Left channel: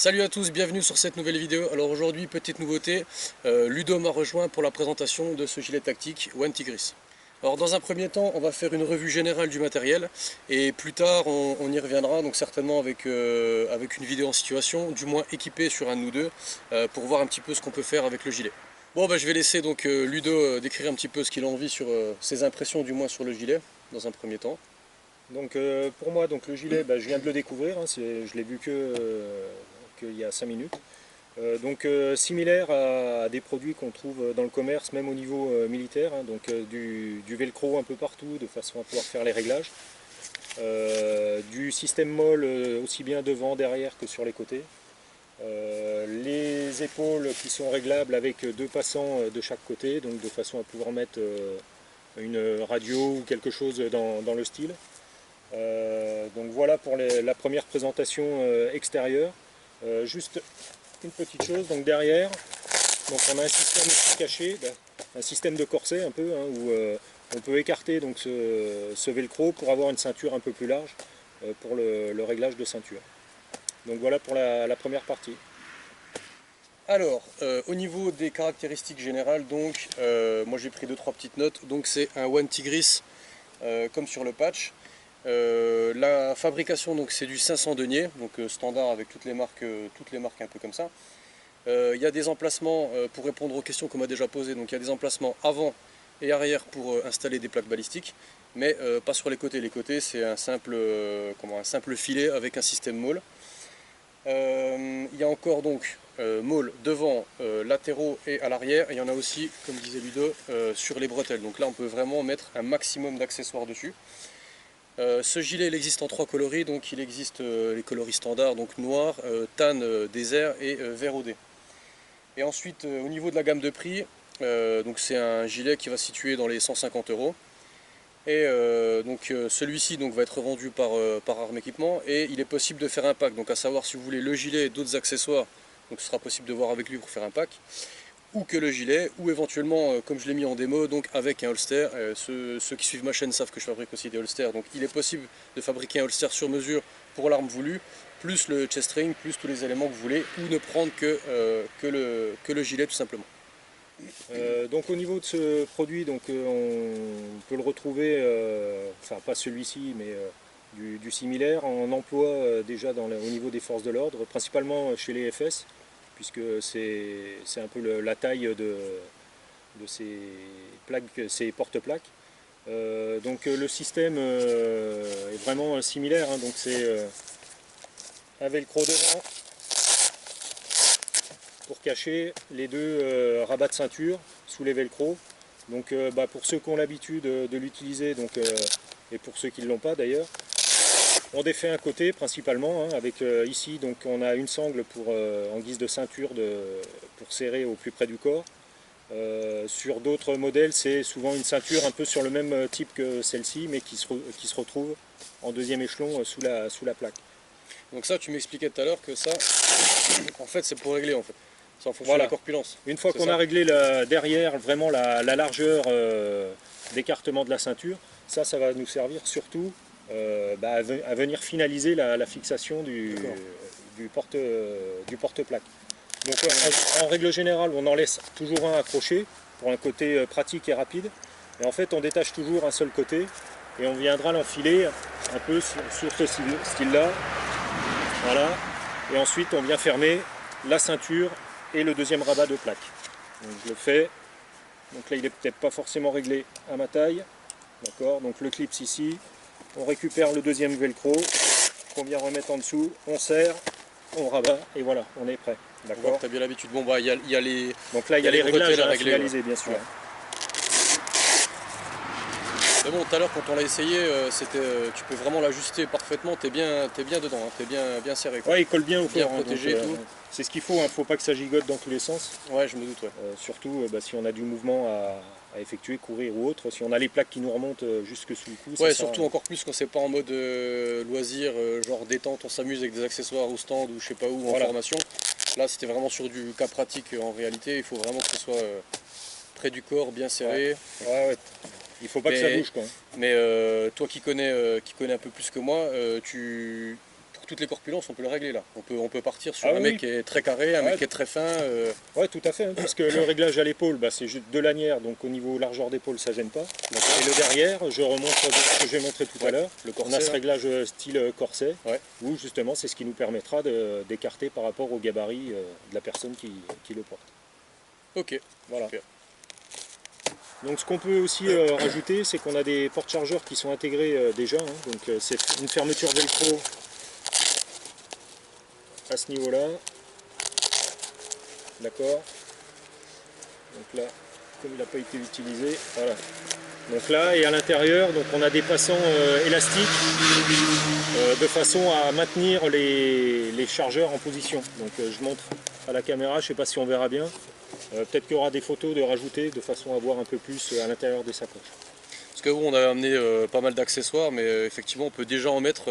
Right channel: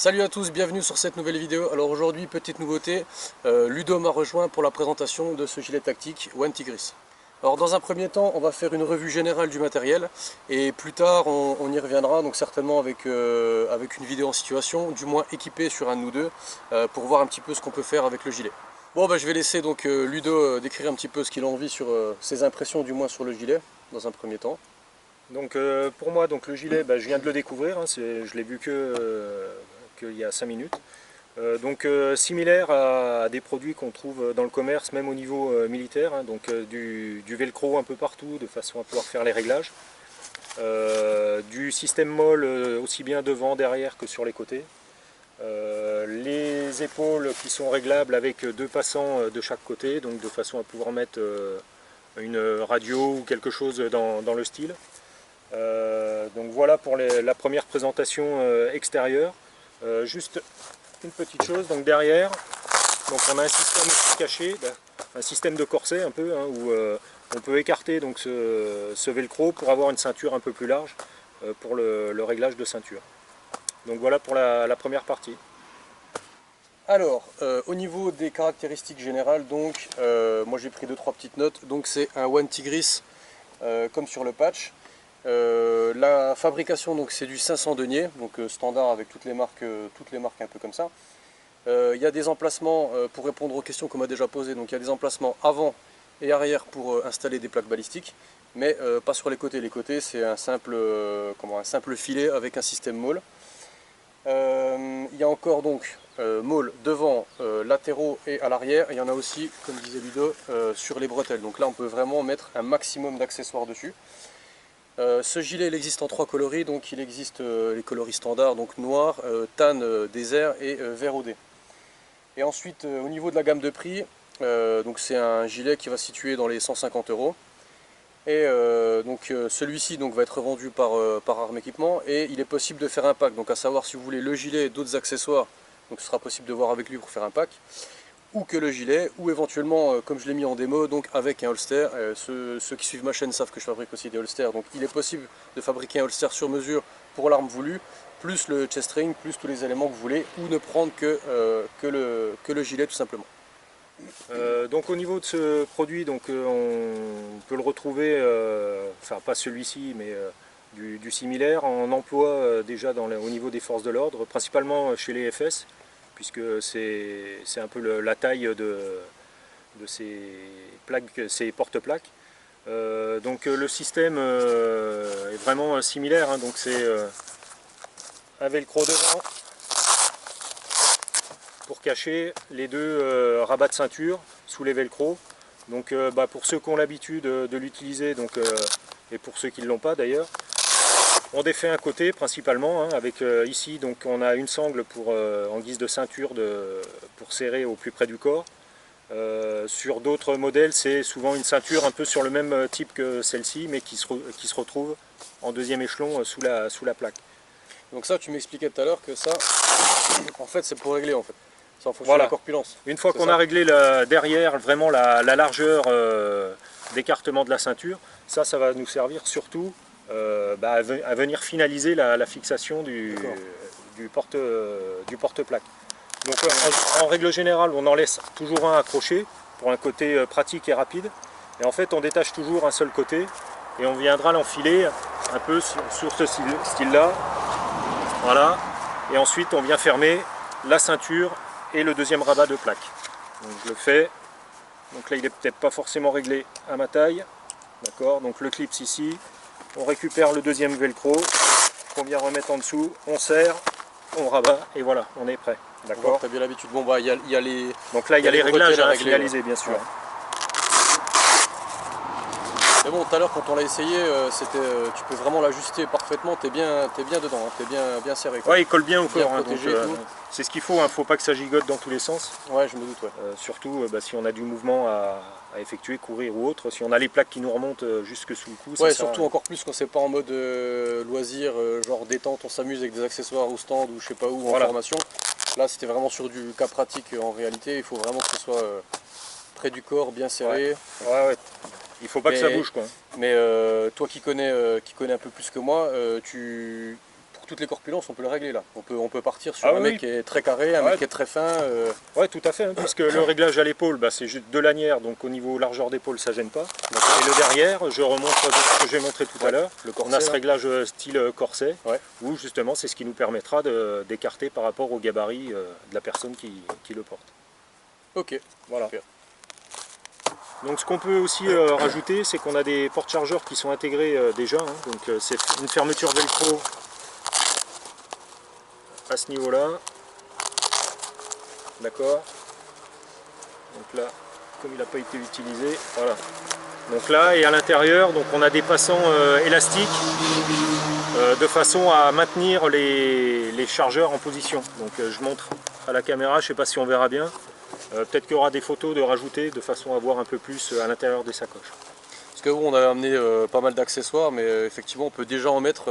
Salut à tous, bienvenue sur cette nouvelle vidéo. Alors aujourd'hui, petite nouveauté, Ludo m'a rejoint pour la présentation de ce gilet tactique One Tigris. Alors dans un premier temps, on va faire une revue générale du matériel et plus tard on y reviendra, donc certainement avec une vidéo en situation, du moins équipée sur un de nous deux, pour voir un petit peu ce qu'on peut faire avec le gilet. Bon, je vais laisser donc Ludo décrire un petit peu ce qu'il a envie sur ses impressions du moins sur le gilet, dans un premier temps. Donc pour moi, donc, le gilet, je viens de le découvrir, hein, je l'ai vu qu'il y a 5 minutes. Similaire à des produits qu'on trouve dans le commerce, même au niveau militaire, hein, du velcro un peu partout, de façon à pouvoir faire les réglages. Du système molle aussi bien devant, derrière que sur les côtés. Les épaules qui sont réglables avec deux passants de chaque côté, donc de façon à pouvoir mettre une radio ou quelque chose dans le style. Donc voilà pour la première présentation extérieure. Juste une petite chose, donc derrière, donc on a un système aussi caché, un système de corset un peu, hein, où on peut écarter donc ce velcro pour avoir une ceinture un peu plus large pour le réglage de ceinture. Donc voilà pour la première partie. Alors, au niveau des caractéristiques générales, donc, moi j'ai pris 2-3 petites notes. Donc c'est un One Tigris comme sur le patch. La fabrication, donc c'est du 500 deniers, donc standard avec toutes les marques un peu comme ça. Il y a des emplacements, pour répondre aux questions qu'on m'a déjà posées, donc il y a des emplacements avant et arrière pour installer des plaques balistiques, mais pas sur les côtés. Les côtés c'est un simple filet avec un système Maule. Il y a encore donc Maule devant, latéraux et à l'arrière. Il y en a aussi, comme disait Ludo, sur les bretelles. Donc là on peut vraiment mettre un maximum d'accessoires dessus. Ce gilet il existe en 3 coloris, donc il existe les coloris standards, donc noir, tan, désert et vert OD. Et ensuite au niveau de la gamme de prix, donc c'est un gilet qui va se situer dans les 150 €. Et celui-ci va être revendu par Armes Équipement et il est possible de faire un pack, donc à savoir si vous voulez le gilet et d'autres accessoires, donc ce sera possible de voir avec lui pour faire un pack, ou que le gilet, ou éventuellement comme je l'ai mis en démo, donc avec un holster. Ceux qui suivent ma chaîne savent que je fabrique aussi des holsters, donc il est possible de fabriquer un holster sur mesure pour l'arme voulue, plus le chest ring, plus tous les éléments que vous voulez, ou ne prendre que le gilet tout simplement. Donc au niveau de ce produit, on peut le retrouver, enfin pas celui-ci, mais du similaire, en emploi déjà au niveau des forces de l'ordre, principalement chez les FS, puisque c'est un peu la taille de ces plaques, ces porte-plaques. Le système est vraiment similaire, hein, donc c'est un velcro devant pour cacher les deux rabats de ceinture sous les velcro. Donc pour ceux qui ont l'habitude de l'utiliser, et pour ceux qui ne l'ont pas d'ailleurs, on défait un côté principalement, hein, avec ici donc on a une sangle en guise de ceinture pour serrer au plus près du corps. Sur d'autres modèles, c'est souvent une ceinture un peu sur le même type que celle-ci, mais qui se retrouve en deuxième échelon sous la plaque. Donc ça, tu m'expliquais tout à l'heure que ça, en fait, c'est pour régler en fait. C'est en fonction Voilà. de la corpulence. Une fois qu'on ça a réglé derrière vraiment la largeur d'écartement de la ceinture, ça va nous servir surtout à venir finaliser la fixation du porte-plaque. Donc en règle générale, on en laisse toujours un accroché pour un côté pratique et rapide. Et en fait, on détache toujours un seul côté et on viendra l'enfiler un peu sur ce style-là. Voilà. Et ensuite, on vient fermer la ceinture et le deuxième rabat de plaque. Donc je le fais. Donc là, il n'est peut-être pas forcément réglé à ma taille. D'accord. Donc le clips ici. On récupère le deuxième velcro qu'on vient remettre en dessous. On serre, on rabat et voilà, on est prêt. D'accord. Tu as bien l'habitude. Bon, il y a les. Donc là, il y a les réglages à régler, finaliser, bien sûr. Ouais. Mais bon, tout à l'heure, quand on l'a essayé, tu peux vraiment l'ajuster parfaitement. T'es bien dedans, hein, t'es bien serré. Ouais, il colle bien au corps. Protégé, c'est ce qu'il faut. Hein, faut pas que ça gigote dans tous les sens. Ouais, je me doute. Ouais. Surtout si on a du mouvement à effectuer, courir ou autre. Si on a les plaques qui nous remontent jusque sous le cou. Ouais, surtout encore plus quand c'est pas en mode loisir, genre détente, on s'amuse avec des accessoires au stand ou je sais pas où en formation. Là, c'était vraiment sur du cas pratique en réalité. Il faut vraiment que ce soit près du corps, bien serré. Ouais. Il faut pas que ça bouge, quoi. Mais toi qui connais un peu plus que moi, toutes les corpulences, on peut le régler là. On peut partir sur Ah un oui. mec qui est très carré, un Ouais. mec qui est très fin. Ouais, tout à fait, hein, puisque le réglage à l'épaule, bah, c'est juste de lanière, donc au niveau largeur d'épaule, ça gêne pas. Et le derrière, je remonte ce que j'ai montré tout à l'heure. Le On a corset, ce là. réglage style corset, Ouais. où justement c'est ce qui nous permettra d'écarter par rapport au gabarit de la personne qui le porte. Ok. Voilà. Super. Donc ce qu'on peut aussi rajouter, c'est qu'on a des porte-chargeurs qui sont intégrés déjà. Hein, donc c'est une fermeture velcro à ce niveau-là. D'accord. Donc là, comme il n'a pas été utilisé, voilà. Donc là, et à l'intérieur, donc on a des passants élastiques de façon à maintenir les chargeurs en position. Donc je montre à la caméra, je ne sais pas si on verra bien. Peut-être qu'il y aura des photos de rajouter de façon à voir un peu plus à l'intérieur des sacoches. Parce que bon, on a amené pas mal d'accessoires, mais effectivement, on peut déjà en mettre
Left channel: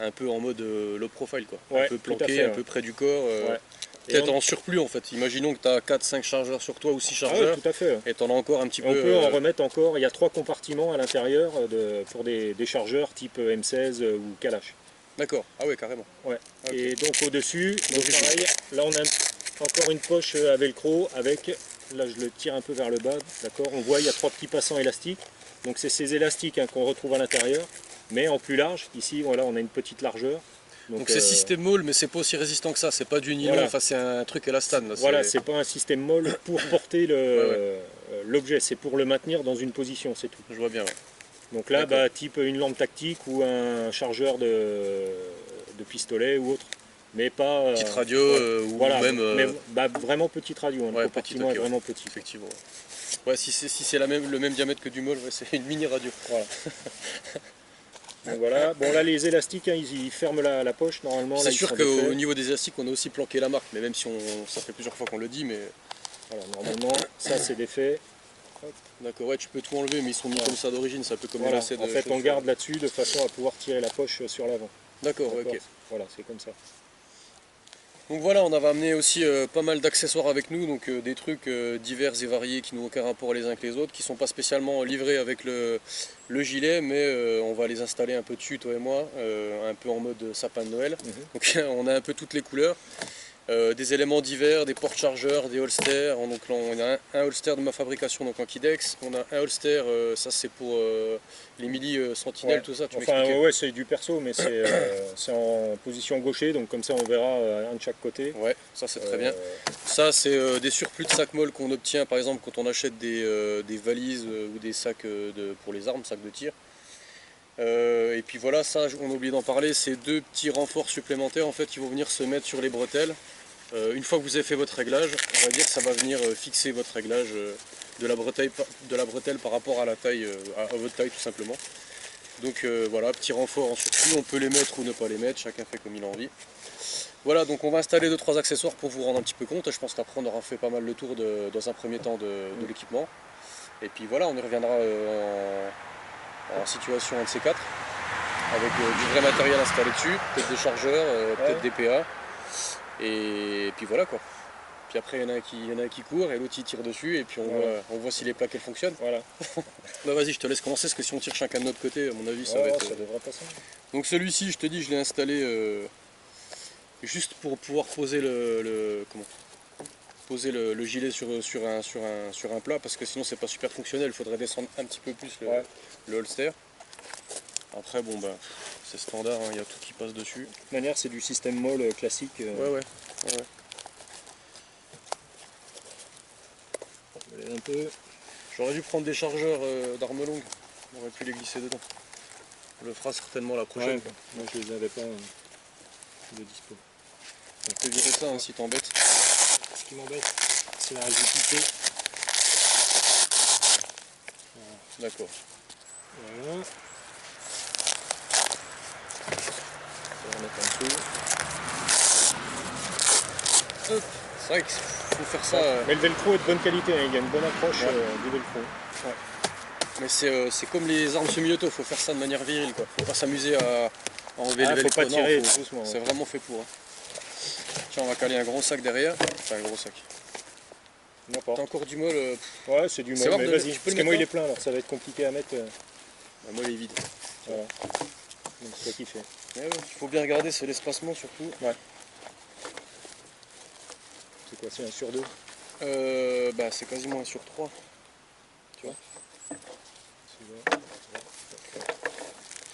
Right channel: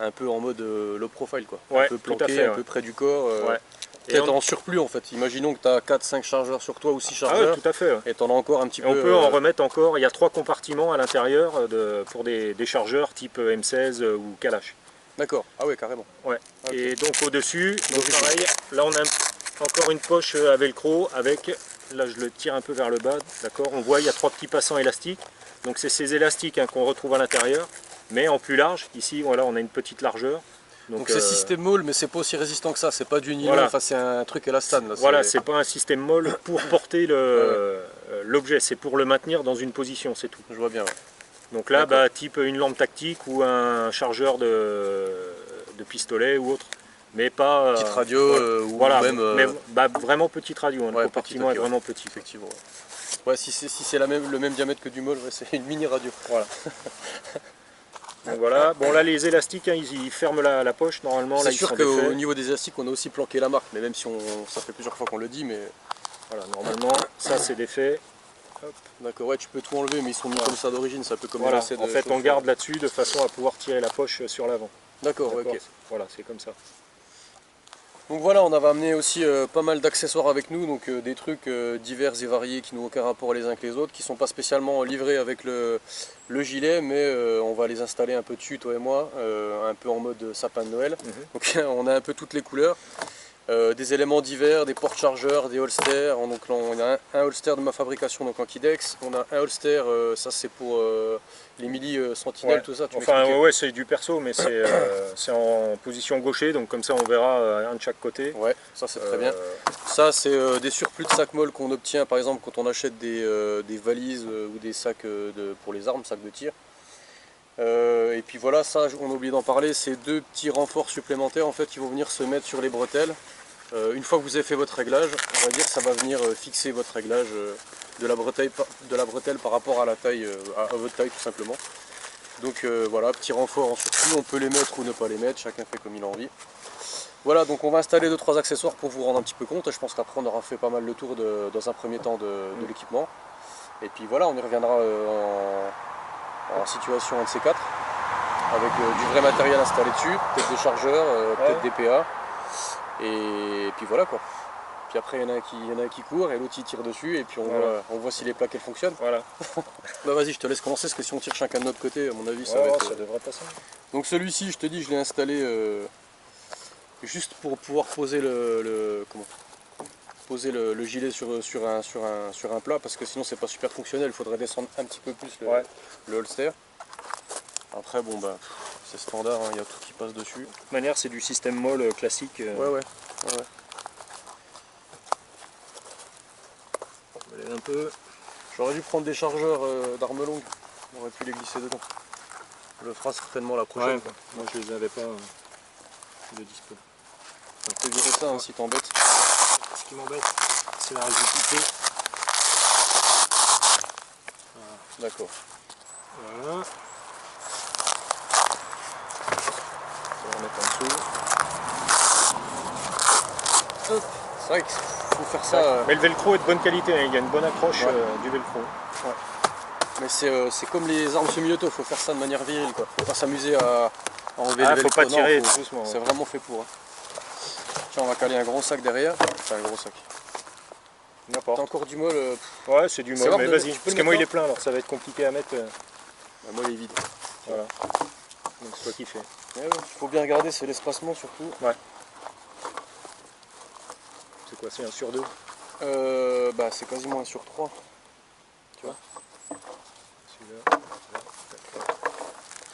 un peu en mode low profile, quoi. Ouais, Un peu tout à planqué, fait, un ouais. peu près du corps. Ouais. Peut-être en surplus en fait. Imaginons que tu as 4-5 chargeurs sur toi ou 6 Ah ouais, chargeurs. tout à fait. Ouais. Et tu en as encore un petit Et peu. on peut en remettre encore, il y a 3 compartiments à l'intérieur pour des chargeurs type M16 ou Kalash. D'accord, ah ouais, carrément. Ouais. Ok. Et donc au-dessus, donc pareil, là on a encore une poche à velcro avec, là je le tire un peu vers le bas, d'accord. On voit il y a 3 petits passants élastiques. Donc c'est ces élastiques hein, qu'on retrouve à l'intérieur, mais en plus large. Ici voilà, on a une petite largeur. Donc c'est système molle, mais c'est pas aussi résistant que ça, c'est pas du nylon, voilà. enfin c'est un truc élastane. Là, voilà, c'est pas un système molle pour porter l'objet, c'est pour le maintenir dans une position, c'est tout. Je vois bien, ouais. Donc là, bah, type une lampe tactique ou un chargeur de pistolet ou autre. Mais pas... Petite radio ou voilà, même... mais bah, vraiment petite radio, hein, le ouais, compartiment petite, est ok, vraiment petit. Effectivement. Ouais, si c'est le même diamètre que du molle, ouais, c'est une mini radio. Voilà. Donc voilà, bon là les élastiques, hein, ils ferment la poche normalement. C'est sûr qu'au niveau des élastiques, on a aussi planqué la marque, mais même si ça fait plusieurs fois qu'on le dit, mais... Voilà, normalement, ça c'est défait. D'accord, ouais, tu peux tout enlever, mais ils sont mis comme ça d'origine, c'est un peu comme Voilà, les lacets de en fait on chaussures. garde là-dessus de façon à pouvoir tirer la poche sur l'avant. D'accord, ok. Voilà, c'est comme ça. Donc voilà, on avait amené aussi pas mal d'accessoires avec nous, donc des trucs divers et variés qui n'ont aucun rapport les uns avec les autres, qui ne sont pas spécialement livrés avec le gilet, mais on va les installer un peu dessus, toi et moi, un peu en mode sapin de Noël. Donc on a un peu toutes les couleurs. Des éléments divers, des porte-chargeurs, des holsters. Donc là, on a un holster de ma fabrication donc en Kidex. On a un holster, ça c'est pour les milli sentinelles, ouais. tout ça. Enfin ouais, c'est du perso, mais c'est en position gaucher, donc comme ça on verra un de chaque côté. Ouais, ça c'est très bien. Ça c'est des surplus de sacs molles qu'on obtient par exemple quand on achète des valises ou des sacs pour les armes, sacs de tir. Et puis voilà, ça on a oublié d'en parler, c'est 2 petits renforts supplémentaires en fait qui vont venir se mettre sur les bretelles. Une fois que vous avez fait votre réglage, on va dire que ça va venir fixer votre réglage de la bretelle par rapport à la taille, à votre taille tout simplement. Donc voilà, petit renfort en surplus, on peut les mettre ou ne pas les mettre, chacun fait comme il a envie. Voilà, donc on va installer 2-3 accessoires pour vous rendre un petit peu compte. Je pense qu'après on aura fait pas mal le tour dans un premier temps de l'équipement. Et puis voilà, on y reviendra en situation un de ces 4, avec du vrai matériel installé dessus, peut-être des chargeurs, peut-être des PA. Et puis voilà quoi. Puis après il y en a un qui court et l'autre il tire dessus et puis on voit si les plaques elles fonctionnent. Voilà. Bah vas-y, je te laisse commencer parce que si on tire chacun de notre côté, à mon avis ça va être... ça devrait passer. Donc celui-ci, je te dis, je l'ai installé juste pour pouvoir poser le gilet sur un plat parce que sinon c'est pas super fonctionnel, il faudrait descendre un petit peu plus le holster. Après bon bah c'est standard, il y a tout qui passe dessus. De toute manière c'est du système molle classique. Ouais. Un peu. J'aurais dû prendre des chargeurs d'armes longues, on aurait pu les glisser dedans. On le fera certainement la prochaine. Ouais, moi je les avais pas de dispo. On peut virer ça hein, si t'embête. Ce qui m'embête c'est la rigidité. D'accord. Voilà. On va remettre en dessous. Hop. C'est vrai qu'il faut faire ça. Mais le velcro est de bonne qualité, hein. Il y a une bonne approche du velcro. Ouais. Mais c'est comme les armes semi-auto, il faut faire ça de manière virile quoi. Faut pas s'amuser à enlever les velcro. Faut pas tirer doucement. C'est vraiment fait pour. Hein. Tiens, on va caler un gros sac derrière. Enfin un gros sac. N'importe. T'as encore du molle Ouais, c'est du molle, mais vas-y. Parce que moi il est plein alors ça va être compliqué à mettre. Bah, moi il est vide. Voilà. donc c'est toi qui fais. Ouais, il faut bien regarder, c'est l'espacement surtout. Ouais. C'est quoi, c'est 1 sur 2? Bah c'est quasiment 1 sur 3. Tu vois.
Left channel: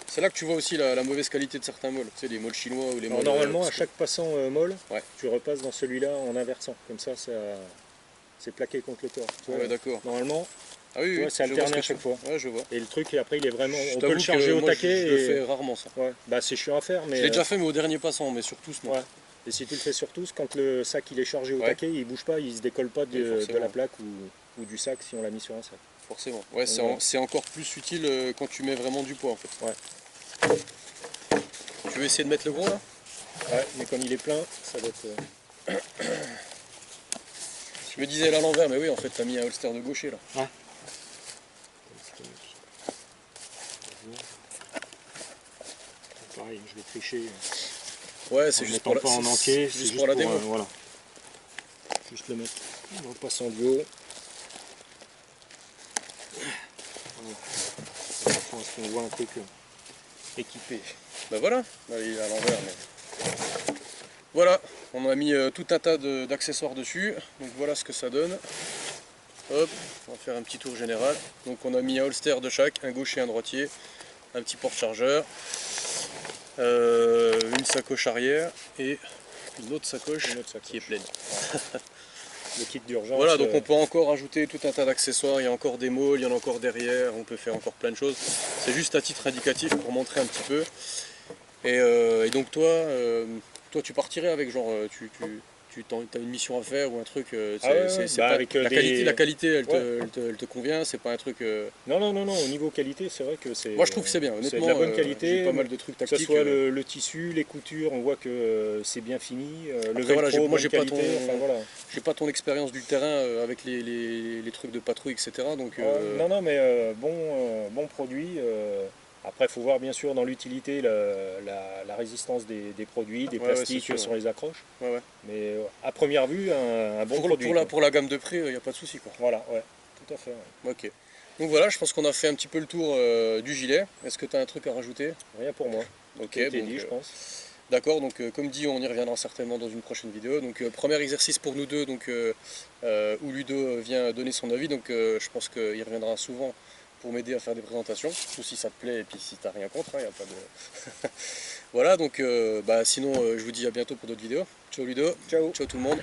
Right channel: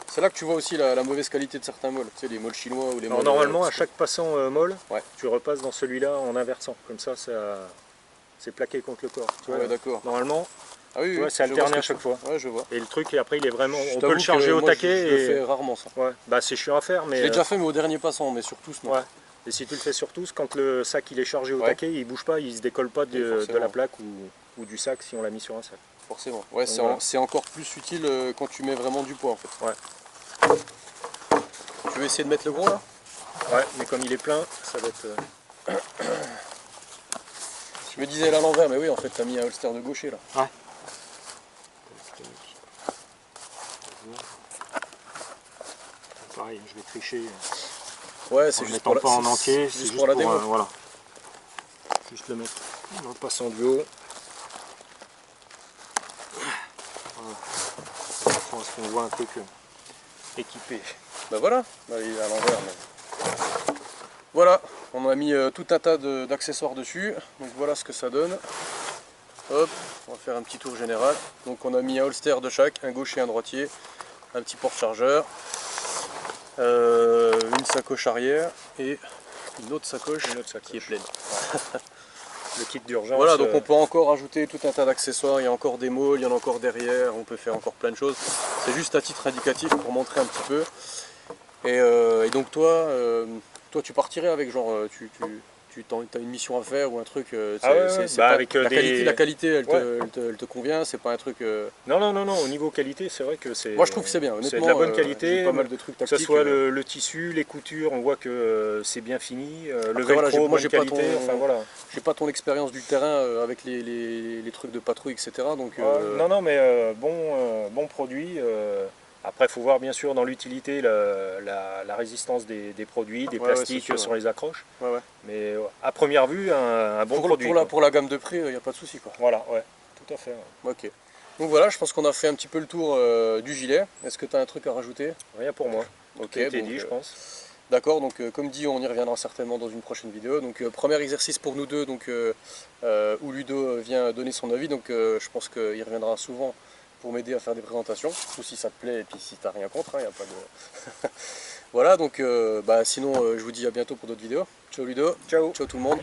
C'est là que tu vois aussi la mauvaise qualité de certains molles, tu sais, les molles chinois ou les molles... Normalement, à chaque passant molle, ouais. tu repasses dans celui-là en inversant. Comme ça, c'est plaqué contre le corps. Tu vois, ouais, d'accord. Normalement, ah, oui, c'est alterné à chaque fois. Ouais, je vois. Et le truc, après, il est vraiment... On peut le charger au moi, taquet. Je le fais rarement, ça. Ouais. Bah, c'est chiant à faire, mais... Je l'ai déjà fait, mais au dernier passant, mais sur tous, non. Ouais. Et si tu le fais sur tous, quand le sac il est chargé au taquet, il bouge pas, il se décolle pas de la plaque ou du sac si on l'a mis sur un sac. Forcément. Ouais, c'est encore plus utile quand tu mets vraiment du poids, en fait. Ouais. Tu veux essayer de mettre le gros, là? Ouais, mais comme il est plein, ça va être... Je me disais à l'envers, mais oui, en fait, t'as mis un holster de gaucher, là. Ouais. Pareil, je vais tricher. Ouais, c'est juste pour pas en entier, c'est juste pour la démo. Voilà. Juste le mettre dans le passant du haut. Voilà. Je pense qu'on voit un truc équipé. Bah voilà, bah, il est à l'envers. Mais... voilà, on a mis tout un tas d'accessoires dessus. Donc voilà ce que ça donne. Hop, on va faire un petit tour général. Donc on a mis un holster de chaque, un gaucher, un droitier, un petit porte-chargeur, une sacoche arrière et une autre sacoche qui est pleine. Le kit d'urgence. Voilà, donc on peut encore ajouter tout un tas d'accessoires, il y a encore des molles, il y en a encore derrière, on peut faire encore plein de choses. C'est juste à titre indicatif pour montrer un petit peu. Et donc toi tu partirais avec genre, tu as une mission à faire ou un truc, la qualité elle te convient, c'est pas un truc... Non, au niveau qualité c'est vrai que c'est... Moi je trouve que c'est bien, honnêtement, c'est de la bonne qualité, pas mal de trucs tactiques. Que ce soit le tissu, les coutures, on voit que c'est bien fini, le velcro, voilà, moi j'ai qualité, j'ai pas ton expérience du terrain avec les trucs de patrouille, etc. Donc, non, mais bon produit. Après, il faut voir bien sûr dans l'utilité la résistance des produits, des plastiques sur les accroches. Ouais. Mais à première vue, un bon produit. Pour la gamme de prix, il n'y a pas de souci, quoi. Voilà, ouais, tout à fait. Ouais. Ok. Donc voilà, je pense qu'on a fait un petit peu le tour du gilet. Est-ce que tu as un truc à rajouter? Rien pour moi. Ok, tout a été dit, je pense. D'accord, donc comme dit, on y reviendra certainement dans une prochaine vidéo. Donc premier exercice pour nous deux, donc, où Ludo vient donner son avis. Donc je pense qu'il reviendra souvent pour m'aider à faire des présentations, surtout si ça te plaît et puis si t'as rien contre, y a pas de... Voilà, donc sinon je vous dis à bientôt pour d'autres vidéos. Ciao Ludo, ciao tout le monde.